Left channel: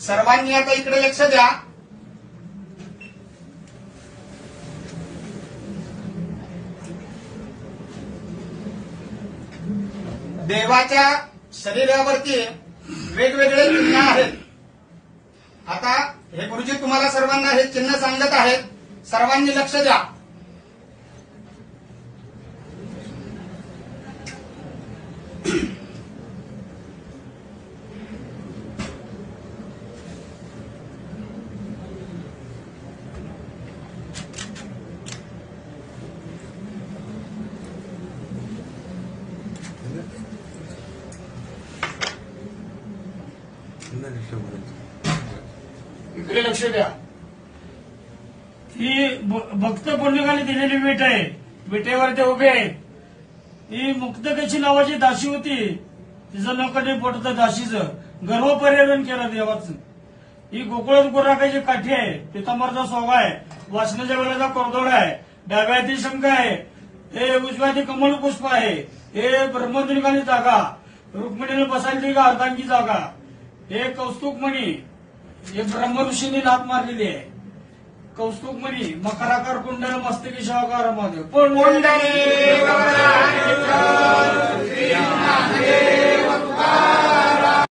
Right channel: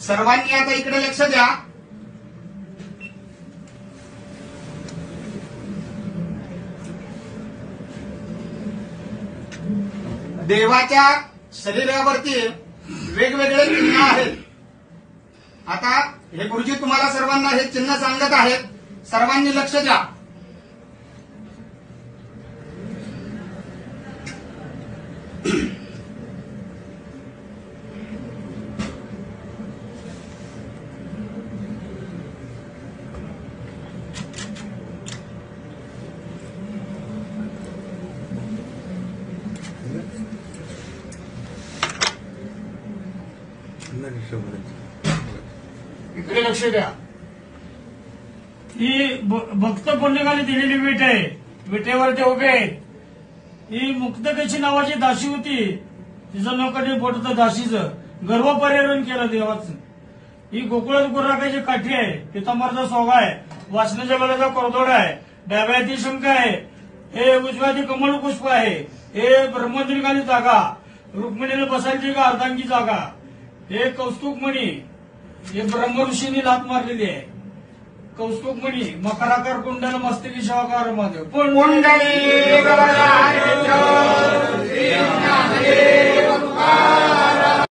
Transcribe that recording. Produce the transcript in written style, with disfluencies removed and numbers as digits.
सर्वांनी आता इकडे लक्ष द्या. देवाच्या शरीरावरती वेगवेगळे चिन्ह आहेत. आता हे गुरुजी तुम्हाला सर्वांना हे चिन्ह सांगत आहेत. सर्वांनी लक्ष द्या. इकडे लक्ष द्या. ही भक्त पुण्यकाली दिलेली वीट आहे. विटेवर ते उभे आहेत. ही मुक्तकेशी नावाची दासी होती. तिचं नाव कधी पोटतं दासीचं. गर्व पर्यटन केलं देवाचं. ही गोकुळात गुराकाची काठी आहे. पितांबरचा सोगा आहे. वासनाच्या वेळेचा कोरदोड आहे. डाव्या हाती शंख आहे. हे उजव्या हाती कमल पुष्प आहे. हे ब्रह्मद्रिकाली जागा. रुक्मिणीने बसायची का अर्धांगी जागा. हे कौस्तुभमणी. हे ब्रह्म ऋषींनी लात मारलेली आहे. कौस्तुभमणी मकराकार कुंडल मस्तकी शिवाकार महादेव कुंडली